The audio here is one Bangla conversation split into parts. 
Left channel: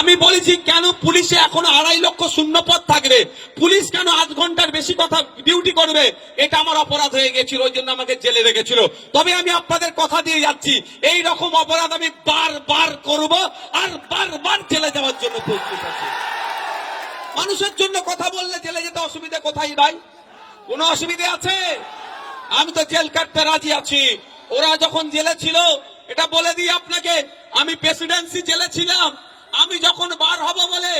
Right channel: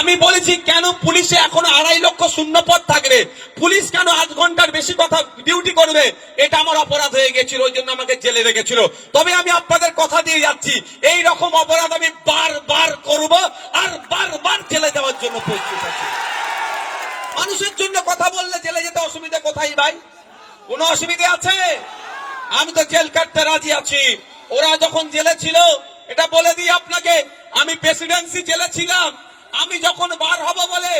আমি বলেছি কেন পুলিশে এখনো 2.5 লক্ষ শূন্য পদ থাকবে, পুলিশ কেন 8 ঘন্টার বেশি কথা ডিউটি করবে, এটা আমার অপরাধ হয়ে গেছিল, ওই জন্য আমাকে জেলে রেখেছিল। তবে আমি আপনাদের কথা দিয়ে যাচ্ছি, এই রকম অপরাধ আমি বারবার করব আর বারবার জেলে যাওয়ার জন্য প্রস্তুত আছি। মানুষের জন্য কথা বললে জেলে যেতে অসুবিধা কোথায় ভাই? কোনো অসুবিধা আছে? আমি তো জেল কাটতে রাজি আছি। ওরা যখন জেলে ছিল, এটা বলে দিই আপনাকে, আমি প্রেসিডেন্সি জেলে ছিলাম। আমি যখন বার হব বলে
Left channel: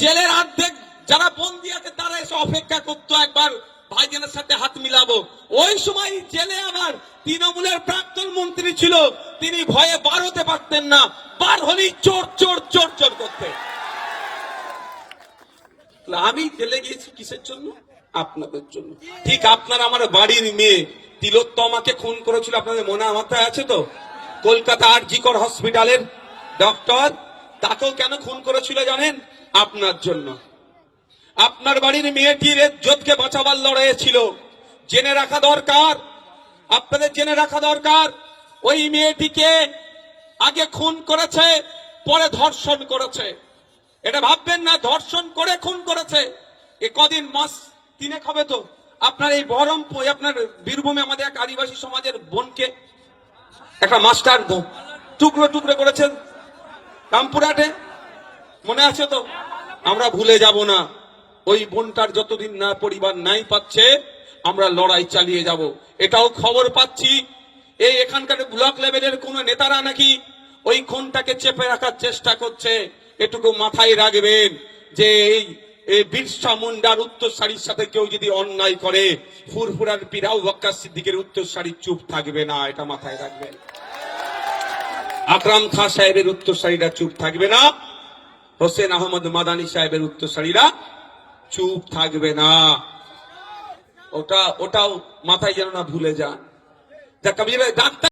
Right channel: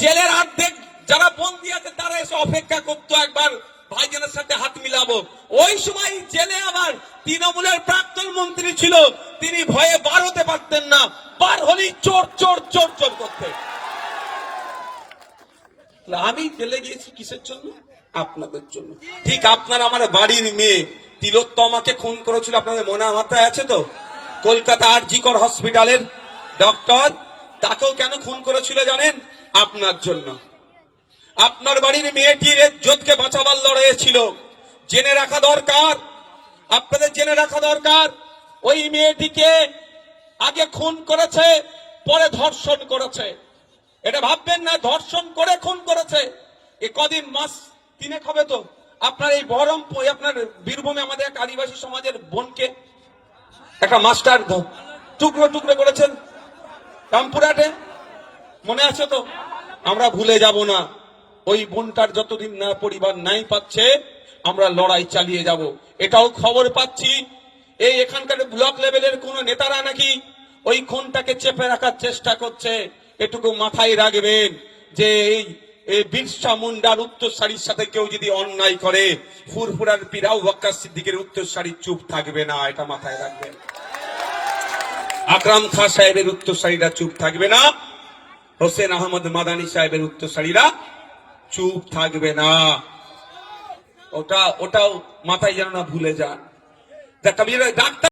জেলের অর্ধেক যারা বন্দী আছে তারা এসে অপেক্ষা করতো একবার ভাইজানের সাথে হাত মিলাবো। ওই সময় জেলে আমার তৃণমূলের প্রাক্তন মন্ত্রী ছিল, তিনি ভয়ে বার হতে পারতেন না, বার হলেই চোর চোর চোর চোর করতে। আমি জেলে গিয়েছি কিসের জন্য? আপনাদের জন্য। ঠিক আপনার আমার বাড়ির মেয়ে তিলোত্তমাকে খুন করেছিল, আপনাদের মনে মাথায় আছে তো? কলকাতা আর.জি. কর হসপিটালের ডক্টর, তাকেও কেন খুন করেছিল জানেন? আপনার জন্য। আপনার বাড়ির মেয়েটির ইজ্জতকে বাঁচাবার লড়াই ছিল। জেনে রাখা দরকার, আপনাদের জেনে রাখা দরকার, ওই মেয়েটিকে আগে খুন করেছে, পরে ধর্ষণ করেছে। এটা ভাববেন না ধর্ষণ করে খুন করেছে। এ কদিন মাস 3 হবে তো আপনার এই বহরমপুর, আপনার বীরভূমে আমাদের এক আদিবাসী সমাজের বোনকে একটা মাস্টার টুকরো টুকরো করেছেন রামপুরহাটে, মনে আছে তো? আমরা ভুলে যাব না। ওই বোনটার যতদিন না পরিবার নাই পাচ্ছে, আমরা লড়াই চালিয়ে যাব। এটাও খবর পাচ্ছি, এই এখানকার ব্লক লেভেলের কোন নেতারা নাকি ওই খুনটাকে চেপে রাখার চেষ্টা করছে। এটুকু মাথায় রাখবেন যে এই বিরসা মুন্ডার উত্তরসারির সাথে কেউ যদি অন্যায় করে, ফুরফুরার পিরাউ ওয়াক্কার সিদ্দিকের উত্তরসারি চুপ থাকবে না, এটা মাথায় রাখবেন। আকরাম খান সাহেবের উত্তরসারিরা চুপ থাকবে না, হোসেন আহমদ মাদানী সাহেবের উত্তরসারিরা চুপ থাকবে না। ওটাও মাথায় যেন না ভুলে যান। ডাক্তার